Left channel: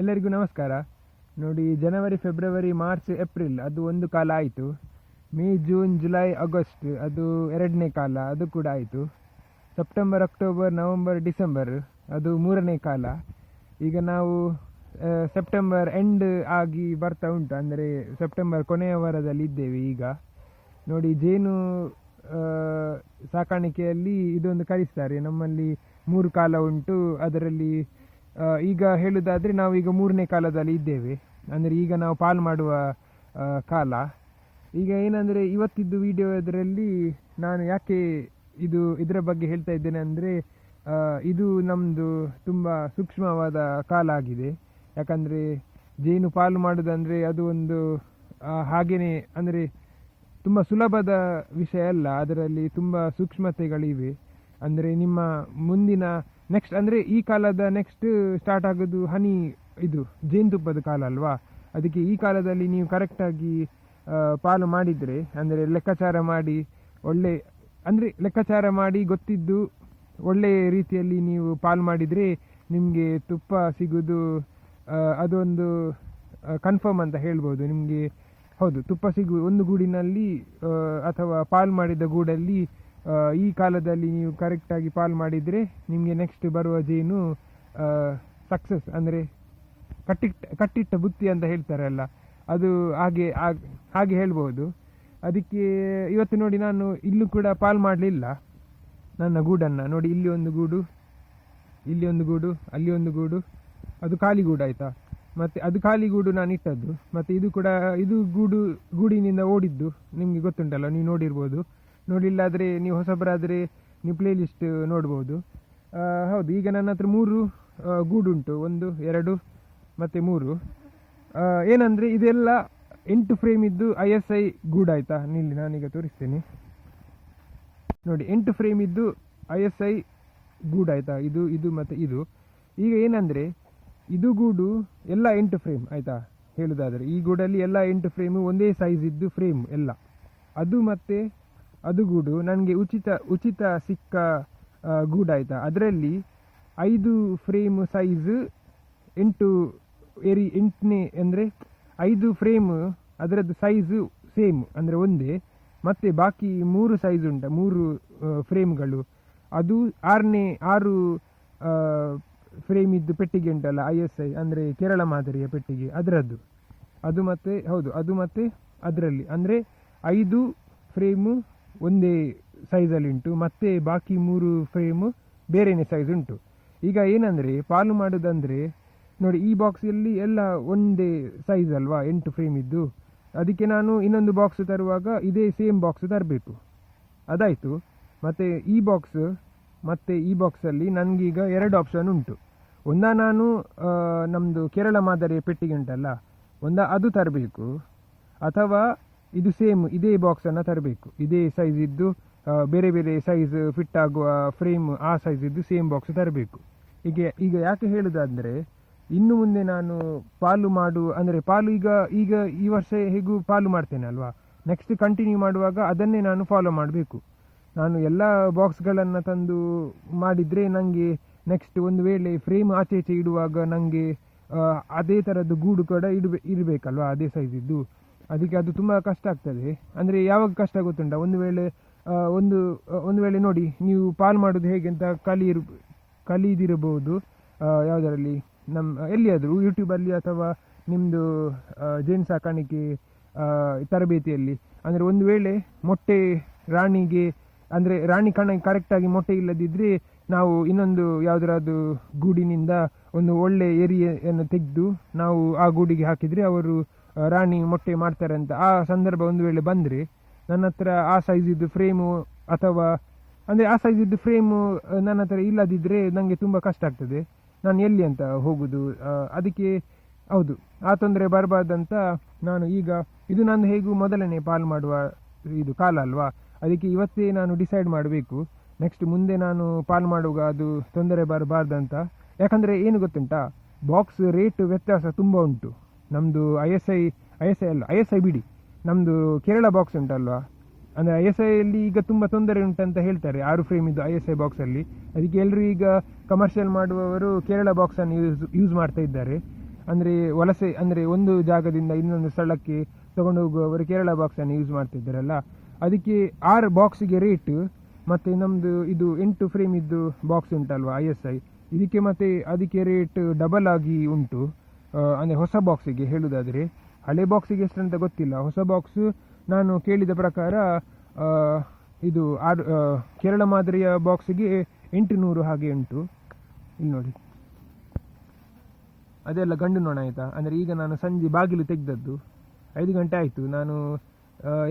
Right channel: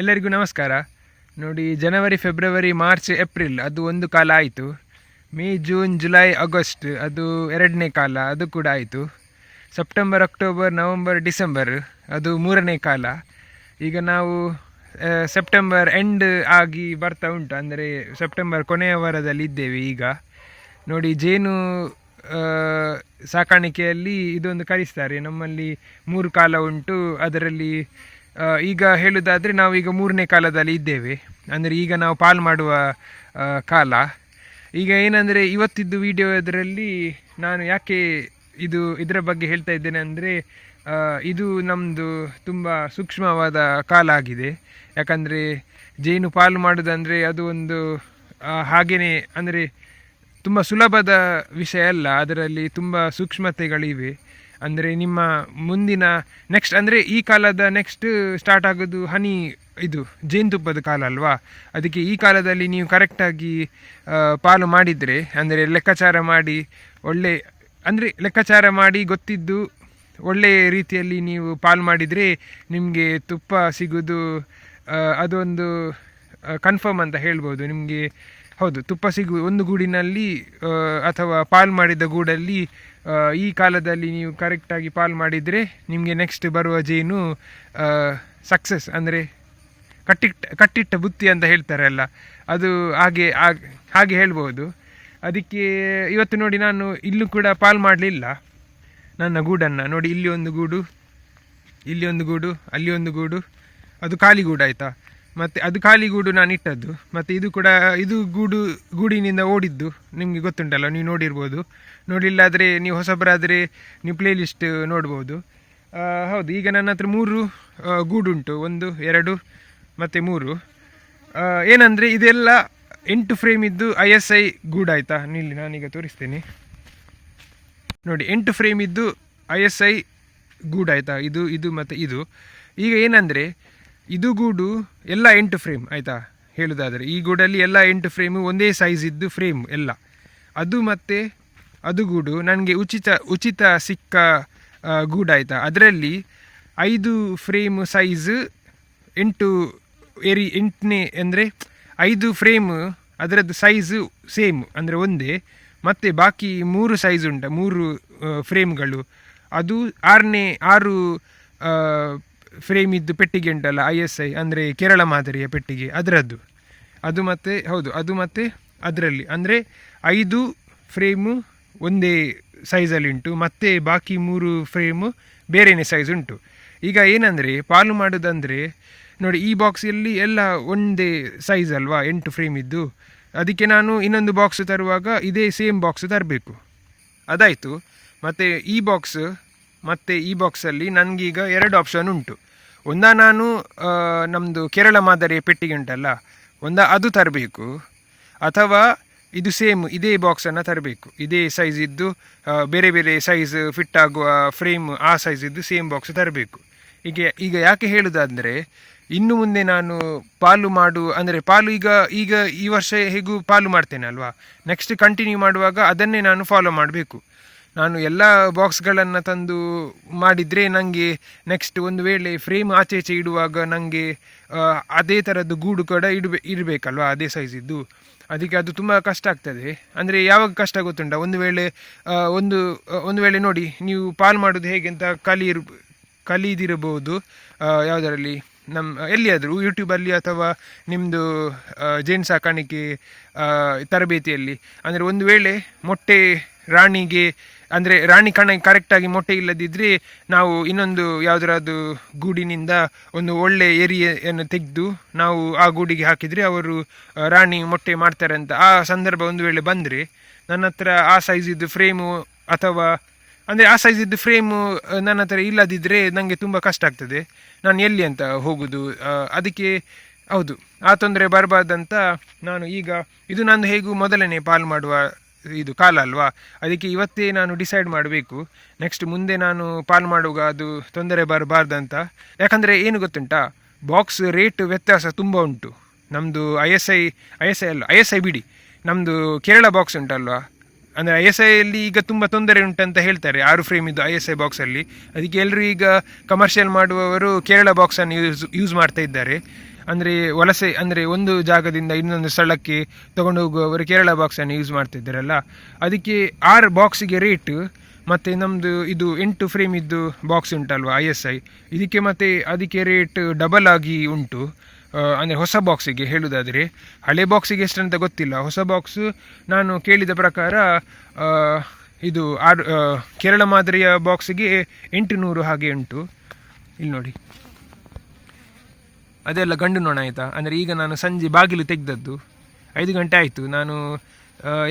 ಎಲ್ಲರಿಗೂ ನಮಸ್ಕಾರ. ನೋಡಿ, ಜನವರಿ, ಫೆಬ್ರವರಿ, ಮಾರ್ಚ್, ಏಪ್ರಿಲ್ ಅದು ಒಂದು ಕಾಲ ಆಯಿತು. ಮೇ, ಜೂನ್, ಜುಲೈ, ಆಗಸ್ಟ್ ಅದು ಎರಡನೇ ಕಾಲ, ಅದು ಕೂಡ ಆಯಿತು. ಸೆಪ್ಟೆಂಬರ್, ಅಕ್ಟೋಬರ್, ನವಂಬರ್, ಡಿಸೆಂಬರ್ ಅದು ಮೂರನೇ ಕಾಲ. ಈಗ ನಾವು ಸೆಪ್ಟೆಂಬರ್ ಎಂಡ್ ಆಗಿ ಬರ್ತಾ ಉಂಟು, ಅಂದರೆ ಸೆಪ್ಟೆಂಬರ್ ಕೊನೆಯ ವಾರದಲ್ಲಿ ಇದ್ದೇವೆ. ಈಗ ನೋಡಿ, ಜೇನು ಸಾಕಾಣಿಕೆಯಲ್ಲಿ ಇದೊಂದು ಕಲಿಸ್ತಾರೆ. ನಮ್ಮಲ್ಲಿ 3 ಕಾಲ ಉಂಟು. ಅದರಲ್ಲಿ ಈಗ ಹೇಳೋದಾದರೆ ನಾವು ಈಗ 3ನೇ ಕಾಲದಲ್ಲಿ ಇದ್ದೇವೆ, ಅಂದರೆ ಈಗ ನಾವು ಪಾಲು ಮಾಡುವ ಕಾಲ. ಈಗ ಏನಂದರೆ ಇವತ್ತಿದ್ದು ವಿಡಿಯೋ ಇದರಲ್ಲಿ ನಾನು ಯಾಕೆ ಇದರ ಬಗ್ಗೆ ಹೇಳ್ತಾ ಇದ್ದೇನೆ ಅಂದರೆ, ಇದು ನಮ್ಮದು ತುಂಬ ಸೂಕ್ಷ್ಮವಾದ ಕಾಲ ಆಗಿದೆ. ಯಾಕಂದರೆ ಜೇನು ಪಾಲು ಮಾಡೋದಂದರೆ ಅದು ಒಂದು ಹಾಗೆಯೇ, ಅಂದರೆ ತುಂಬ ಸುಲಭದ ವಿಷಯ ಅಲ್ಲ, ಅದರಲ್ಲಿ ತುಂಬ ಸೂಕ್ಷ್ಮತೆಗಳಿವೆ. ಅಂದರೆ ನಿಮ್ಮ ಮುಂದಿನ ನೆಕ್ಸ್ಟ್, ಅಂದರೆ ಈ ಕಾಲದ ನೆಕ್ಸ್ಟ್ ಸ್ಟಾರ್ಟ್ ಆಗೋದು ಇದು ಜೇನುತುಪ್ಪದ ಕಾಲ ಅಲ್ವಾ. ಅದಕ್ಕೆ ಈ ಕಾಲದಲ್ಲಿ ನೀವು ಕರೆಕ್ಟಾಗಿ ಪಾಲು ಮಾಡಿದರೆ, ಅಂದರೆ ಲೆಕ್ಕಾಚಾರ ಮಾಡಿ ಲೆಕ್ಕಾಚಾರ ಮಾಡಿ ಗೊತ್ತಿದ್ದು ಒಳ್ಳೆಯ ರೀತಿಯಲ್ಲಿ ನೀವು ಪಾಲು ಮಾಡಿದರೆ ನಿಮಗೆ ತುಪ್ಪ ಸಿಗೋದು ಅದೊಂದು ಕನ್ಫರ್ಮ್ ಅಂತ ಹೇಳ್ಬೋದು. ನಿಮಗೆ ಹೌದು, ತುಪ್ಪ ಒಂದು ಗೂಡಿನಲ್ಲಿ ಅಥವಾ ಪಾಲು ಮಾಡಿದ ಗೂಡಲ್ಲಿ ಈ ಕಾಲದಲ್ಲಿ ನೀವು ಕರೆಕ್ಟಾಗಿ ಪಾಲು ಮಾಡಿದರೆ ನಿಮಗೆ ನೆಕ್ಸ್ಟ್ ಬರುವ ಜೇನು ಸಕ್ಸಸ್, ಅಂದರೆ ಕಟ್ಟಿಟ್ಟ ಬುತ್ತಿ ಅಂತ ಹೇಳ್ತಾರಲ್ಲ, ಅದು ಹಾಗೆ ಹೇಳ್ಬೋದು. ಅದಕ್ಕೆ ಇವತ್ತು ನೋಡಿ, ನಾನು ಇಲ್ಲೂ ಕೂಡ ಪಾಲು ಮಾಡಲಿಲ್ಲ ನನ್ನ ಗೂಡನ್ನು. ನೋಡಿ, ಇಲ್ಲಿ ಒಂದು ಗೂಡು, ಇಲ್ಲಿ ಒಂದು ಗೂಡು, ಅಲ್ಲಿ ಒಂದು ಗೂಡು, ಅದು ಖಾಲಿ ಗೂಡು ಆಯಿತಾ. ಮತ್ತು ಅದು ಖಾಲಿ ಗೂಡು ನಾನು ಇಟ್ಟದ್ದು. ಮತ್ತು ಇದು ಕೂಡ ಇದು ಗೂಡಿನಿಂದ ಓಡಿದ್ದು ನಿಮಗೆ ಗೊತ್ತುಂಟಲ್ಲ, ನೀವು ನೋಡಿರ್ಬೋದು. ನೋಡಿಲ್ಲಾದರೆ ನೀವು ಹೊಸಬರಾದರೆ ನೀವು ಪ್ಲೇ ಲಿಸ್ಟ್ ನೋಡ್ಬೋದು. ಹೌದು, ಈಗ ನನ್ನ ಹತ್ರ 3 ಗೂಡುಂಟು, 1, 2 ಮತ್ತು 3. ಏನಂದರೆ ಇದೆಲ್ಲ 8 ಫ್ರೇಮ್ ಇದ್ದು ISI ಗೂಡು ಆಯಿತಾ. ನಿಲ್ಲಿ, ನಾನೀಗ ತೋರಿಸ್ತೇನೆ ನೋಡಿ. 8 ಫ್ರೇಮ್ ಇದ್ದು ISI ಗೂಡು ಆಯಿತಾ. ಇದು ಮತ್ತು ಇದು. ಈಗ ಏನಂದರೆ ಇದು ಗೂಡು ಎಲ್ಲ 8 ಫ್ರೇಮ್ ಆಯಿತಾ. ಹೇಳೋದಾದರೆ ಈ ಗೂಡಲ್ಲಿ ಎಲ್ಲ 8 ಫ್ರೇಮು ಒಂದೇ ಸೈಜ್ ಇದ್ದು ಫ್ರೇಮ್ ಎಲ್ಲ. ಅದು ಮತ್ತು ಅದು ಗೂಡು ನನಗೆ ಉಚಿತ ಸಿಕ್ಕ ಗೂಡು ಆಯಿತಾ. ಅದರಲ್ಲಿ 5 ಫ್ರೇಮ್ ಸೈಜ್ 8ನೇ, ಅಂದರೆ 5 ಫ್ರೇಮ್ ಅದರದ್ದು ಸೈಜು ಸೇಮ್, ಅಂದರೆ ಒಂದೇ. ಮತ್ತು ಬಾಕಿ 3 ಸೈಜ್ ಉಂಟು, 3 ಫ್ರೇಮ್ಗಳು. ಅದು 6 ಫ್ರೇಮ್ ಇದ್ದು ಪೆಟ್ಟಿಗೆ ಉಂಟಲ್ಲ, ISI ಅಂದರೆ ಕೇರಳ ಮಾದರಿಯ ಪೆಟ್ಟಿಗೆ, ಅದರದ್ದು. ಅದು ಮತ್ತು ಹೌದು, ಅದು ಮತ್ತು ಅದರಲ್ಲಿ ಅಂದರೆ 5 ಫ್ರೇಮು ಒಂದೇ ಸೈಜಲ್ಲಿ ಉಂಟು, ಮತ್ತು ಬಾಕಿ 3 ಫ್ರೇಮು ಬೇರೆಯೇ ಸೈಜ್ ಉಂಟು. ಈಗ ಏನಂದರೆ ಪಾಲು ಮಾಡೋದಂದರೆ ನೋಡಿ, ಈ ಬಾಕ್ಸಲ್ಲಿ ಎಲ್ಲ ಒಂದೇ ಸೈಜ್ ಅಲ್ವಾ, 8 ಫ್ರೇಮ್ ಇದ್ದು. ಅದಕ್ಕೆ ನಾನು ಇನ್ನೊಂದು ಬಾಕ್ಸ್ ತರುವಾಗ ಇದೇ ಸೇಮ್ ಬಾಕ್ಸ್ ತರಬೇಕು. ಅದಾಯಿತು. ಮತ್ತು ಈ ಬಾಕ್ಸ್ ಮತ್ತು ಈ ಬಾಕ್ಸಲ್ಲಿ ನನಗೀಗ 2 ಆಪ್ಷನ್ ಉಂಟು. ನಾನು ನಮ್ಮದು ಕೇರಳ ಮಾದರಿಯ ಪೆಟ್ಟಿಗೆ ಉಂಟಲ್ಲ, ಅದು ತರಬೇಕು, ಅಥವಾ ಇದು ಸೇಮ್ ಇದೇ ಬಾಕ್ಸನ್ನು ತರಬೇಕು. ಇದೇ ಸೈಜ್ ಇದ್ದು ಬೇರೆ ಬೇರೆ ಸೈಜ್ ಫಿಟ್ ಆಗುವ ಫ್ರೇಮ್, ಆ ಸೈಜ್ ಇದ್ದು ಸೇಮ್ ಬಾಕ್ಸ್ ತರಬೇಕು. ಈಗ ಯಾಕೆ ಹೇಳೋದಾದರೆ, ಇನ್ನು ಮುಂದೆ ನಾನು ಪಾಲು ಈಗ ಈ ವರ್ಷ ಹೇಗೂ ಪಾಲು ಮಾಡ್ತೇನೆ ಅಲ್ವಾ, ನೆಕ್ಸ್ಟ್ ಕಂಟಿನ್ಯೂ ಮಾಡುವಾಗ ಅದನ್ನೇ ನಾನು ಫಾಲೋ ಮಾಡಬೇಕು. ನಾನು ಎಲ್ಲ ಬಾಕ್ಸ್ಗಳನ್ನು ತಂದು ಮಾಡಿದರೆ ನನಗೆ ನೆಕ್ಸ್ಟ್ ಒಂದು ವೇಳೆ ಫ್ರೇಮ್ ಆಚೆ ಇಡುವಾಗ ನನಗೆ ಅದೇ ಥರದ್ದು ಗೂಡು ಕೂಡ ಇರಬೇಕಲ್ವ, ಅದೇ ಸೈಜ್ ಇದ್ದು. ಅದಕ್ಕೆ ಅದು ತುಂಬ ಕಷ್ಟ ಆಗ್ತದೆ. ಅಂದರೆ ಯಾವಾಗ ಕಷ್ಟ ಗೊತ್ತುಂಟ, ಒಂದು ವೇಳೆ ನೋಡಿ, ನೀವು ಪಾಲು ಮಾಡೋದು ಹೇಗೆ ಅಂತ ಕಲಿದಿರಬಹುದು ಯಾವುದರಲ್ಲಿ, ಎಲ್ಲಿಯಾದರೂ ಯೂಟ್ಯೂಬಲ್ಲಿ ಅಥವಾ ನಿಮ್ಮದು ಜೇನು ಸಾಕಾಣಿಕೆ ತರಬೇತಿಯಲ್ಲಿ. ಅಂದರೆ ಒಂದು ವೇಳೆ ಮೊಟ್ಟೆ ರಾಣಿಗೆ, ಅಂದರೆ ರಾಣಿ ಕರೆಕ್ಟಾಗಿ ಮೊಟ್ಟೆ ಇಲ್ಲದಿದ್ದರೆ ನಾವು ಇನ್ನೊಂದು ಯಾವುದಾದ್ರು ಗೂಡಿನಿಂದ ಒಂದು ಒಳ್ಳೆ ಏರಿಯನ್ನು ತೆಗೆದು ನಾವು ಆ ಗೂಡಿಗೆ ಹಾಕಿದರೆ ಅವರು ರಾಣಿ ಮೊಟ್ಟೆ ಮಾಡ್ತಾರೆ ಅಂತ ಆ ಸಂದರ್ಭ ಒಂದು ವೇಳೆ ಬಂದರೆ, ನನ್ನ ಹತ್ರ ಆ ಸೈಜ್ ಇದ್ದು ಫ್ರೇಮು, ಅಥವಾ ಅಂದರೆ ಆ ಸೈಜ್ ಇದ್ದು ಫ್ರೇಮು ನನ್ನ ಹತ್ರ ಇಲ್ಲದಿದ್ದರೆ ನನಗೆ ತುಂಬ ಕಷ್ಟ ಆಗ್ತದೆ. ನಾನು ಎಲ್ಲಿ ಅಂತ ಹೋಗೋದು. ಅದಕ್ಕೆ ಹೌದು, ಆ ತೊಂದರೆ ಬರಬಾರ್ದಂತ ನಾನು ಈಗ ಇದು ನಂದು ಹೇಗೂ ಮೊದಲನೇ ಪಾಲು ಮಾಡುವ ಇದು ಕಾಲ ಅಲ್ವಾ. ಅದಕ್ಕೆ ಇವತ್ತೇ ನಾನು ಡಿಸೈಡ್ ಮಾಡಬೇಕು, ನೆಕ್ಸ್ಟ್ ಮುಂದೆ ನಾನು ಪಾಲು ಮಾಡುವಾಗ ಅದು ತೊಂದರೆ ಬರಬಾರ್ದಂತ. ಯಾಕಂದರೆ ಏನು ಗೊತ್ತುಂಟಾ, ಬಾಕ್ಸ್ ರೇಟ್ ವ್ಯತ್ಯಾಸ ತುಂಬ ಉಂಟು. ನಮ್ಮದು ISI ಬಿಡಿ, ನಮ್ಮದು ಕೇರಳ ಬಾಕ್ಸ್ ಉಂಟಲ್ವಾ, ಅಂದರೆ ISIಯಲ್ಲಿ ಈಗ ತುಂಬ ತೊಂದರೆ ಉಂಟಂತ ಹೇಳ್ತಾರೆ 6 ಫ್ರೇಮ್ ಇದ್ದು ISI ಬಾಕ್ಸಲ್ಲಿ. ಅದಕ್ಕೆ ಎಲ್ಲರೂ ಈಗ ಕಮರ್ಷಿಯಲ್ ಮಾಡುವವರು ಕೇರಳ ಬಾಕ್ಸನ್ನು ಯೂಸ್ ಮಾಡ್ತಾ ಇದ್ದಾರೆ. ಅಂದರೆ ವಲಸೆ ಅಂದರೆ ಒಂದು ಜಾಗದಿಂದ ಇನ್ನೊಂದು ಸ್ಥಳಕ್ಕೆ ತೊಗೊಂಡು ಹೋಗುವವರು ಕೇರಳ ಬಾಕ್ಸನ್ನು ಯೂಸ್ ಮಾಡ್ತಿದ್ದಾರಲ್ಲ, ಅದಕ್ಕೆ 6 ಬಾಕ್ಸಿಗೆ ರೇಟು, ಮತ್ತು ನಮ್ಮದು ಇದು 8 ಫ್ರೇಮ್ ಇದ್ದು ಬಾಕ್ಸ್ ಉಂಟಲ್ವ ISI, ಇದಕ್ಕೆ ಮತ್ತು ಅದಕ್ಕೆ ರೇಟ್ ಡಬಲ್ ಆಗಿ ಉಂಟು. ಅಂದರೆ ಹೊಸ ಬಾಕ್ಸಿಗೆ ಹೇಳುವುದಾದರೆ, ಹಳೆ ಬಾಕ್ಸಿಗೆ ಎಷ್ಟಂತ ಗೊತ್ತಿಲ್ಲ. ಹೊಸ ಬಾಕ್ಸು ನಾನು ಕೇಳಿದ ಪ್ರಕಾರ ಇದು ಕೇರಳ ಮಾದರಿಯ ಬಾಕ್ಸಿಗೆ 800 ಹಾಗೆ ಉಂಟು. ಇಲ್ಲಿ ನೋಡಿ, ಅದೆಲ್ಲ ಗಂಡು ನೊಣ ಆಯಿತಾ. ಅಂದರೆ ಈಗ ನಾನು ಸಂಜೆ ಬಾಗಿಲು ತೆಗೆದದ್ದು 5 ಗಂಟೆ ಆಯಿತು. ನಾನು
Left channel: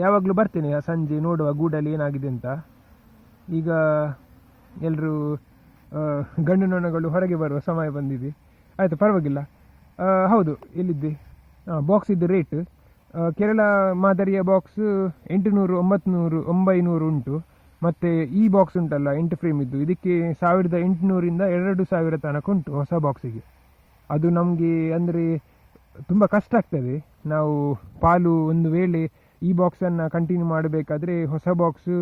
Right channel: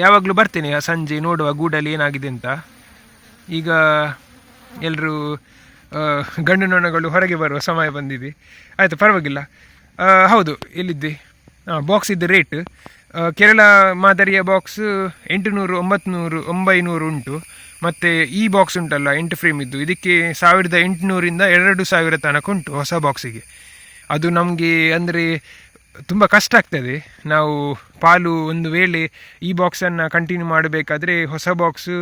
ಯಾವಾಗಲೂ ಬರ್ತೇನೆ ಸಂಜೆ ನೋಡುವ ಗೂಡಲ್ಲಿ ಏನಾಗಿದೆ ಅಂತ. ಈಗ ಎಲ್ಲರೂ ಗಂಡು ನೊಣಗಳು ಹೊರಗೆ ಬರುವ ಸಮಯ ಬಂದಿದೆ. ಆಯಿತು, ಪರವಾಗಿಲ್ಲ. ಹೌದು, ಎಲ್ಲಿದ್ದೆ? ಬಾಕ್ಸ್ ಇದ್ದ ರೇಟ್ ಕೇರಳ ಮಾದರಿಯ ಬಾಕ್ಸ್ 800, 900, 900 ಉಂಟು. ಮತ್ತು ಈ ಬಾಕ್ಸ್ ಉಂಟಲ್ಲ 8 ಫ್ರೇಮ್ ಇದ್ದು, ಇದಕ್ಕೆ 1800ರಿಂದ 2000 ತನಕ ಉಂಟು ಹೊಸ ಬಾಕ್ಸಿಗೆ. ಅದು ನಮಗೆ ಅಂದರೆ ತುಂಬ ಕಷ್ಟ ಆಗ್ತದೆ. ನಾವು ಪಾಲು ಒಂದು ವೇಳೆ ಈ ಬಾಕ್ಸನ್ನು ಕಂಟಿನ್ಯೂ ಮಾಡಬೇಕಾದ್ರೆ ಹೊಸ ಬಾಕ್ಸು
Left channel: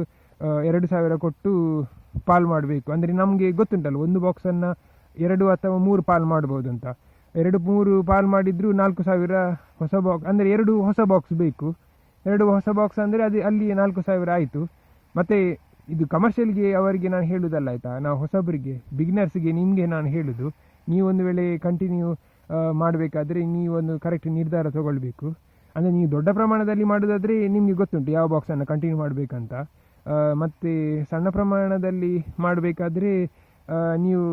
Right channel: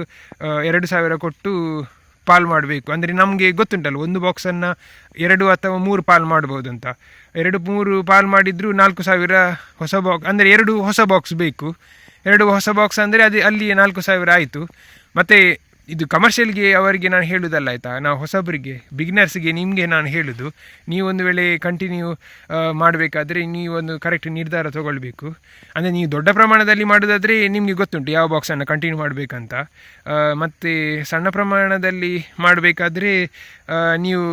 2000 ಕೊಟ್ಟು ಪಾಲು ಮಾಡಬೇಕು. ಅಂದರೆ ನಮಗೆ ಗೊತ್ತುಂಟಲ್ಲ, ಒಂದು ಬಾಕ್ಸನ್ನು 2 ಅಥವಾ 3 ಪಾಲು ಮಾಡ್ಬೋದು ಅಂತ. 2-3 ಪಾಲು ಮಾಡಿದರೂ 4000 ಹೊಸ ಬಾಕ್ಸ್, ಅಂದರೆ 2 ಹೊಸ ಬಾಕ್ಸ್ ಬೇಕು. 2 ಹೊಸ ಬಾಕ್ಸ್ ಅಂದರೆ ಅದು ಅಲ್ಲಿ 4000 ಆಯಿತು. ಮತ್ತು ಇದು ಕಮರ್ಷಿಯಲ್ಗೆ ಅವರಿಗೆ ನಾನು ಹೇಳೋದಲ್ಲ ಆಯಿತಾ, ನಾವು ಹೊಸಬರಿಗೆ ಬಿಗಿನರ್ಸ್ಗೆ ನಿಮಗೆ ನಾನು ಹೇಳೋದು, ನೀವೊಂದು ವೇಳೆ ಕಂಟಿನ್ಯೂ ಮಾಡಬೇಕಾದ್ರೆ ನೀವೊಂದು ಕರೆಕ್ಟ್ ನಿರ್ಧಾರ ತೊಗೊಳ್ಬೇಕು. ಅಂದರೆ ನೀವು ದೊಡ್ಡ ಪ್ರಮಾಣದಲ್ಲಿ ಮಾಡೋದಾದರೆ ನಿಮಗೆ ಗೊತ್ತುಂಟು ಯಾವ ಬಾಕ್ಸನ್ನು ಕಂಟಿನ್ಯೂ ಮಾಡಬೇಕಂತ. ಮತ್ತು ಸಣ್ಣ ಪ್ರಮಾಣದಲ್ಲಿ ಮಾಡಬೇಕಾದ್ರೆ ನೀವು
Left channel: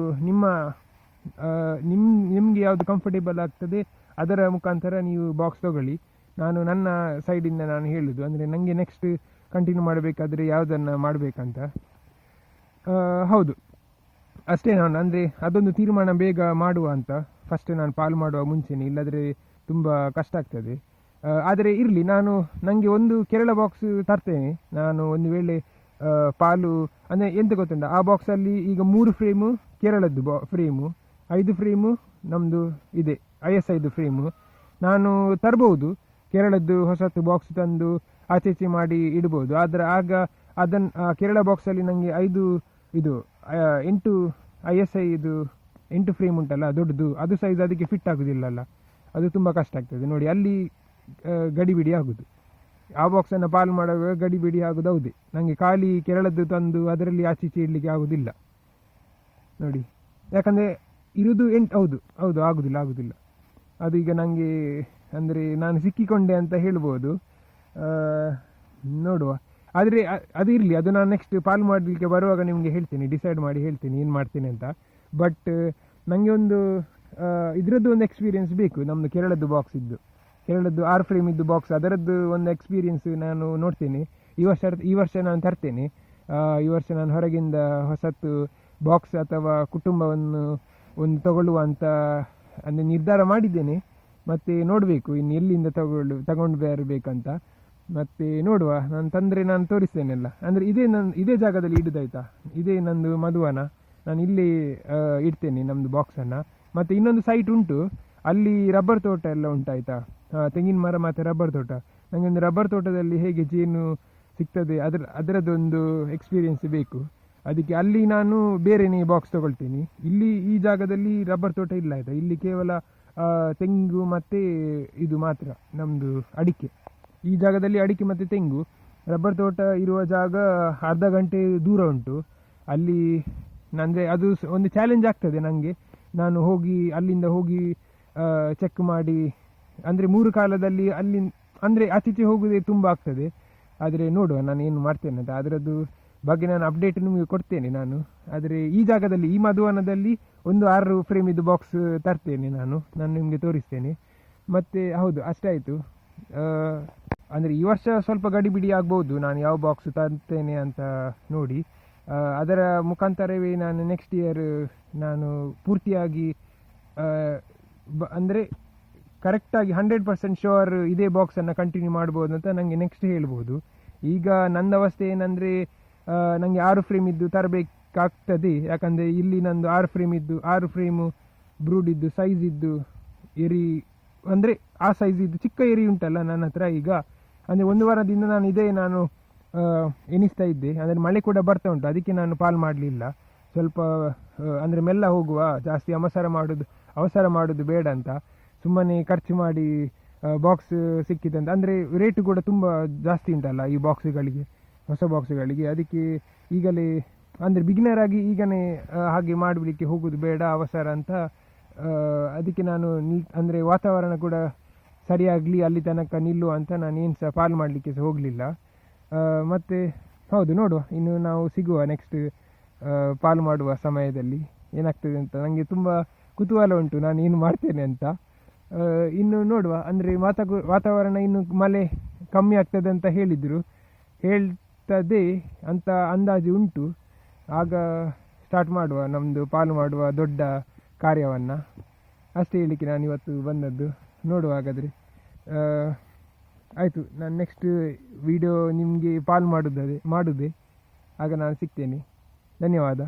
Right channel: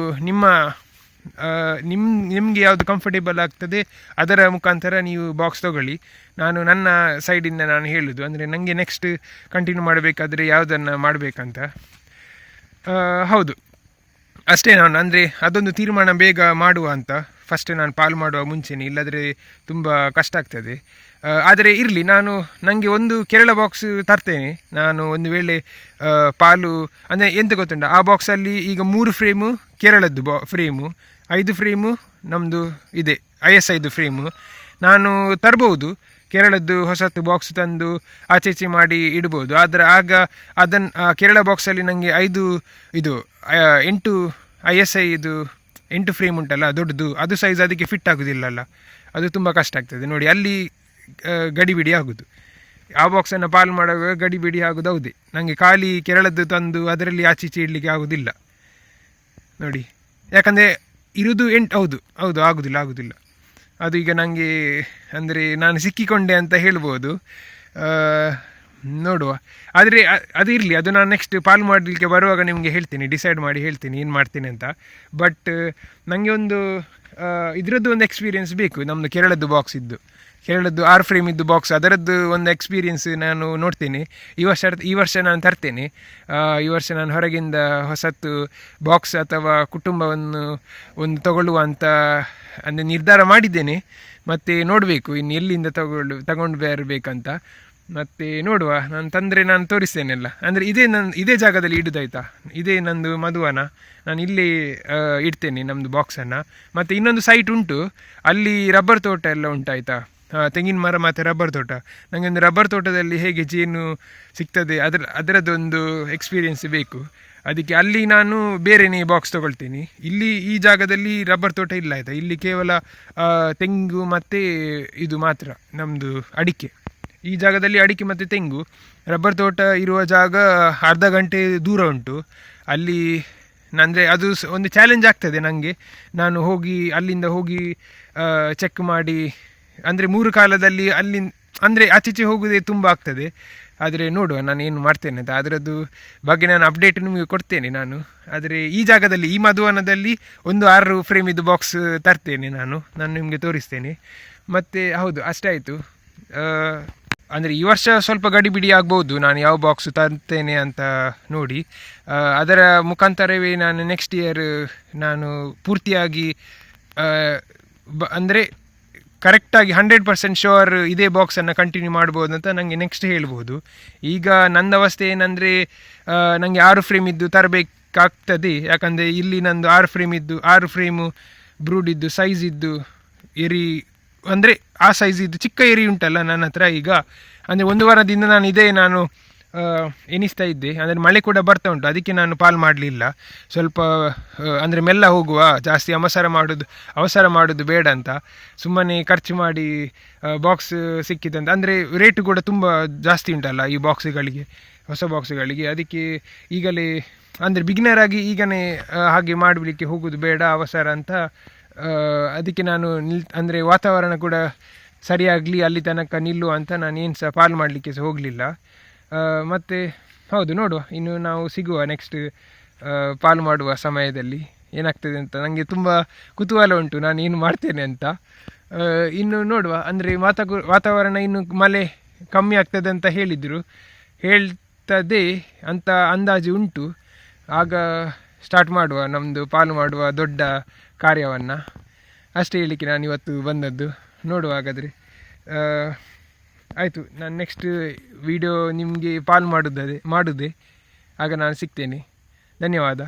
ನಿಮಗೆ ಯಾವುದು ಕಂಫರ್ಟೇಬಲ್ ಆಗ್ತದೆ ಅದರ ಮುಖಾಂತರ ನೀವು ಬಾಕ್ಸ್ ತೊಗೊಳ್ಳಿ. ನಾನು ನನ್ನ ಸೈಡಿಂದ ನಾನು ಹೇಳೋದು, ಅಂದರೆ ನನಗೆ ನೆಕ್ಸ್ಟ್ ಕಂಟಿನ್ಯೂ ಮಾಡಬೇಕಾದ್ರೆ ಯಾವುದನ್ನು ಮಾಡಬೇಕಂತ. ಹೌದು, ಅಷ್ಟೇ. ನಾನು ಅಂದರೆ ಅದೊಂದು ತೀರ್ಮಾನ ಬೇಗ ಮಾಡುವ ಅಂತ ಫಸ್ಟೇ ನಾನು ಪಾಲು ಮಾಡುವ ಮುಂಚೆನೇ, ಇಲ್ಲದ್ರೆ ತುಂಬ ಕಷ್ಟ ಆಗ್ತದೆ. ಆದರೆ ಇರಲಿ, ನನಗೆ ಒಂದು ಕೇರಳ ಬಾಕ್ಸ್ ತರ್ತೇನೆ ನಾನು. ಒಂದು ವೇಳೆ ಪಾಲು ಅಂದರೆ ಎಂತ ಗೊತ್ತುಂಟ, ಆ ಬಾಕ್ಸಲ್ಲಿ ಈಗ 3 ಫ್ರೇಮು ಕೇರಳದ್ದು ಫ್ರೇಮು, 5 ಫ್ರೇಮು ನಮ್ಮದು ಇದೆ ISIದು ಫ್ರೇಮು. ನಾನು ತರ್ಬೋದು ಕೇರಳದ್ದು ಹೊಸತು ಬಾಕ್ಸ್ ತಂದು ಆಚೆ ಮಾಡಿ ಇಡ್ಬೋದು. ಆದರೆ ಆಗ ಕೇರಳ ಬಾಕ್ಸಲ್ಲಿ ನನಗೆ 8 ISI ಇದು 8 ಫ್ರೇಮ್ ಉಂಟಲ್ಲ ದೊಡ್ಡದು, ಅದು ಸೈಜ್ ಅದಕ್ಕೆ ಫಿಟ್ ಆಗೋದಿಲ್ಲಲ್ಲ, ಅದು ತುಂಬ ಕಷ್ಟ ಆಗ್ತದೆ ನೋಡಿ. ಅಲ್ಲಿ ಗಡಿಬಿಡಿ ಆಗೋದು, ಆ ಬಾಕ್ಸನ್ನು ಪಾಲು ಮಾಡುವಾಗ ಗಡಿಬಿಡಿ ಆಗೋದು. ಹೌದೇ, ನನಗೆ ಖಾಲಿ ಕೇರಳದ್ದು ತಂದು ಅದರಲ್ಲಿ ಆಚೆ ಇಡಲಿಕ್ಕೆ ಆಗೋದಿಲ್ಲ ನೋಡಿ. ಯಾಕಂದರೆ ಇರೋದು 8, ಹೌದು ಆಗೋದಿಲ್ಲ ಅದು. ಈಗ ನನಗೆ ಅಂದರೆ ನಾನು ಸಿಕ್ಕಿಕೊಂಡೆ ಅಂತ ಹೇಳ್ಬೋದು, ನೋಡುವ. ಆದರೆ ಅದು ಇರಲಿ, ಅದು ನಾನು ನೆಕ್ಸ್ಟ್ ಪಾಲು ಮಾಡಲಿಕ್ಕೆ ಬರುವಾಗ ನಿಮಗೆ ಹೇಳ್ತೀನಿ, ಡಿಸೈಡ್ ಮಾಡಿ ಹೇಳ್ತೀನಿ ಏನು ಮಾಡ್ತೀನಿ ಅಂತ. ಬಟ್ ನನಗೆ ಒಂದು ಇದರದ್ದು ಒಂದು ಎಕ್ಸ್ಪೀರಿಯೆನ್ಸ್ ಬೇಕು, ನಮ್ಮದು ಕೇರಳದ್ದು ಬಾಕ್ಸ್ ಇದ್ದು, ಕೇರಳದ್ದು 6 ಫ್ರೇಮ್ ಇದ್ದು ಬಾಕ್ಸ್, ಅದರದ್ದು ಒಂದು ಎಕ್ಸ್ಪೀರಿಯೆನ್ಸ್ ನಾನು ನೋಡ್ತೇನೆ. ಈ ವರ್ಷ ನಾನು ತರ್ತೇನೆ. ಈ ವರ್ಷ ನಾನು ಹೊರಗಿಂದ ಹೊಸತ್ತು ಬಾಕ್ಸ್ ಅಥವಾ ಕುಟುಂಬವನ್ನು ಒಂದು ತಗೊಳ್ಳುವ ಅಂತ ಅಂದರೆ ನಿರ್ಧಾರ ಮಾಡಿದ್ದೇನೆ. ಮತ್ತು ನೋಡಬೇಕು ಇನ್ನು ಎಲ್ಲಿಂದ ತಗೊಂಡು ಬರಬೇಕಂತ. ಮತ್ತು ನೋಡುವ, ನಾನು ತಂದರೆ ನಾನು ತೋರಿಸ್ತೇನೆಲ್ಲ. ಅಂದರೆ ಇದೇ ಜಾಗದಲ್ಲಿ ಇಡೋದಾಯ್ತಾ, ಇದೇ ನಂದು ಮಧುವನ, ನಾನು ಇಲ್ಲಿ ಇಡ್ತೇನೆ ನಮ್ಮದು ಬಾಕ್ಸನ್ನು. ಮತ್ತು ಇನ್ನೊಂದು ಸೈಟ್ ಉಂಟು, ಅಲ್ಲಿ ರಬ್ಬರ್ ತೋಟ ಎಲ್ಲ ಉಂಟಾಯ್ತಾ, ತೆಂಗಿನ ಮರ ಮತ್ತು ರಬ್ಬರ್ ತೋಟ. ನನಗೆ ಒಂದು ರಬ್ಬರ್ ತೋಟದಲ್ಲಿ ಹೇಗೆ ಜೇನು ಸಿಗ್ತದೆ ಅದರದ್ದೊಂದು ಎಕ್ಸ್ಪೀರಿಯೆನ್ಸ್ ಬೇಕು. ಅದಕ್ಕೆ ಅಲ್ಲಿ ನಾನು ಬೇರೆಯೇ ಬಾಕ್ಸ್ ತೊಗೊಳ್ತೀನಿ. ಇಲ್ಲಿ ಈ ಜಾಗದಲ್ಲಿ ರಬ್ಬರ್ ತೋಟ ಇಲ್ಲ ಆಯಿತಾ, ಇಲ್ಲಿ ಕೇವಲ ತೆಂಗು ಮತ್ತು ಇದು ಮಾತ್ರ ನಮ್ಮದು ಅಡಿಕೆ. ಈ ಜಾಗದಲ್ಲಿ ಅಡಿಕೆ ಮತ್ತು ತೆಂಗು. ರಬ್ಬರ್ ತೋಟ ಇರುವ ಜಾಗ ಅರ್ಧ ಗಂಟೆ ದೂರ ಉಂಟು. ಅಲ್ಲಿ ಅಂದರೆ ಅದು ಒಂದು ಚಾಲೆಂಜ್ ಆಗ್ತದೆ ನನಗೆ. ನಾನು ಅಲ್ಲಿಂದ ಹೋಗಿ ಚೆಕ್ ಮಾಡಿ, ಅಂದರೆ 3 ಕಾಲದಲ್ಲಿ ಅಂದರೆ ಆಚೀಚೆ ಹೋಗೋದೇ ತುಂಬ ಆಗ್ತದೆ. ಆದರೆ ನೋಡುವ ನಾನು ಏನು ಮಾಡ್ತೇನೆ ಅಂತ, ಅದರದ್ದು ಬಗ್ಗೆ ನಾನು ಅಪ್ಡೇಟ್ ನಿಮಗೆ ಕೊಡ್ತೇನೆ ನಾನು. ಆದರೆ ಈ ಜಾಗದಲ್ಲಿ, ಈ ಮಧುವನದಲ್ಲಿ ಒಂದು 6 ಫ್ರೇಮ್ ಇದು ಬಾಕ್ಸ್ ತರ್ತೇನೆ ನಾನು ನಿಮಗೆ ತೋರಿಸ್ತೇನೆ. ಮತ್ತು ಹೌದು, ಅಷ್ಟೇ ಆಯಿತು. ಅಂದರೆ ಈ ವರ್ಷ ಸ್ವಲ್ಪ ಗಡಿಬಿಡಿ ಆಗ್ಬೋದು ನಾನು ಯಾವ ಬಾಕ್ಸ್ ತರ್ತೇನೆ ಅಂತ ನೋಡಿ. ಅದರ ಮುಖಾಂತರವೇ ನಾನು ನೆಕ್ಸ್ಟ್ ಇಯರ್ ನಾನು ಪೂರ್ತಿಯಾಗಿ ಅಂದರೆ ಕರೆಕ್ಟಾಗಿ 100% ಶೋರ್ ಇದೇ ಬಾಕ್ಸನ್ನು ಕಂಟಿನ್ಯೂ ಮಾಡ್ಬೋದು ಅಂತ ನನಗೆ ನೆಕ್ಸ್ಟ್ ಹೇಳ್ಬೋದು. ಈಗ ನನ್ನ ಅವಸ್ಥೆ ಏನಂದರೆ ನನಗೆ 6 ಫ್ರೇಮ್ ಇದ್ದು ತರಬೇಕಾಗ್ತದೆ. ಯಾಕಂದರೆ ಇಲ್ಲಿ ನಂದು 6 ಫ್ರೇಮ್ ಇದ್ದು 6 ಫ್ರೇಮು ಬ್ರೂಡ್ ಇದ್ದು ಸೈಜ್ ಇದ್ದು ಎರಿ, ಅಂದರೆ ಆ ಸೈಜ್ ಇದ್ದು ಚಿಕ್ಕ ಎರಿ ಉಂಟಲ್ಲ ನನ್ನ ಹತ್ರ ಈಗ. ಅಂದರೆ 1 ವಾರದಿಂದ ನಾನು ಎನಿಸ್ತಾ ಇದ್ದೆ. ಅಂದರೆ ಮಳೆ ಕೂಡ ಬರ್ತಾ ಉಂಟು, ಅದಕ್ಕೆ ನಾನು ಪಾಲ್ ಮಾಡಲಿಲ್ಲ. ಸ್ವಲ್ಪ ಅಂದರೆ ಮೆಲ್ಲ ಹೋಗುವ, ಜಾಸ್ತಿ ಅವಸರ ಮಾಡೋದು ಬೇಡ ಅಂತ ಸುಮ್ಮನೆ ಖರ್ಚು ಮಾಡಿ ಬಾಕ್ಸ್ ಸಿಕ್ಕಿದಂತ. ಅಂದರೆ ರೇಟು ಕೂಡ ತುಂಬ ಜಾಸ್ತಿ ಉಂಟಲ್ಲ ಈ ಬಾಕ್ಸ್ಗಳಿಗೆ, ಹೊಸ ಬಾಕ್ಸ್ಗಳಿಗೆ. ಅದಕ್ಕೆ ಈಗಲೇ ಅಂದರೆ ಬಿಗಿನರ್ ಆಗಿ ಈಗಲೇ ಹಾಗೆ ಮಾಡಲಿಕ್ಕೆ ಹೋಗೋದು ಬೇಡ, ಅವಸರ ಅಂತ. ಅದಕ್ಕೆ ನಾನು ಅಂದರೆ ವಾತಾವರಣ ಕೂಡ ಸರಿಯಾಗಲಿ ಅಲ್ಲಿ ತನಕ ನಿಲ್ಲುವ ಅಂತ ನಾನು ಏನು ಸಹ ಪಾಲ್ ಮಾಡಲಿಕ್ಕೆ ಸಹ ಹೋಗಲಿಲ್ಲ. ಮತ್ತು ಹೌದು, ನೋಡುವ, ಇನ್ನು ನಾವು ಸಿಗುವ ನೆಕ್ಸ್ಟ್ ಪಾಲ್ ಮಾಡುವ ಸಮಯದಲ್ಲಿ ಏನಾಗ್ತದೆ ಅಂತ. ನನಗೆ ತುಂಬ ಕುತೂಹಲ ಉಂಟು ನಾನು ಏನು ಮಾಡ್ತೇನೆ ಅಂತ. ಇನ್ನು ನೋಡುವ, ಅಂದರೆ ವಾತಾವರಣ ಇನ್ನು ಮಳೆ ಕಮ್ಮಿ ಆಗ್ತದೆ ಅಂತ ಹೇಳ್ತದೆ ಅಂತ ಅಂದಾಜು ಉಂಟು. ಆಗ ಸ್ಟಾರ್ಟ್ ಮಾಡುವ ನಮ್ಮದು ಪಾಲು ಮಾಡುವ ದೊಡ್ಡ ಕಾರ್ಯವನ್ನು. ಅಷ್ಟೇ ಹೇಳಲಿಕ್ಕೆ ನಾನು ಇವತ್ತು ಬಂದದ್ದು. ನೋಡುವ ಹಾಗಾದರೆ. ಆಯಿತು, ನಾನು ನೆಕ್ಸ್ಟ್ ವಿಡಿಯೋ ನಿಮಗೆ ಪಾಲ್ ಮಾಡುವುದೇ. ಆಗ ನಾನು ಸಿಗ್ತೇನೆ. ಧನ್ಯವಾದ.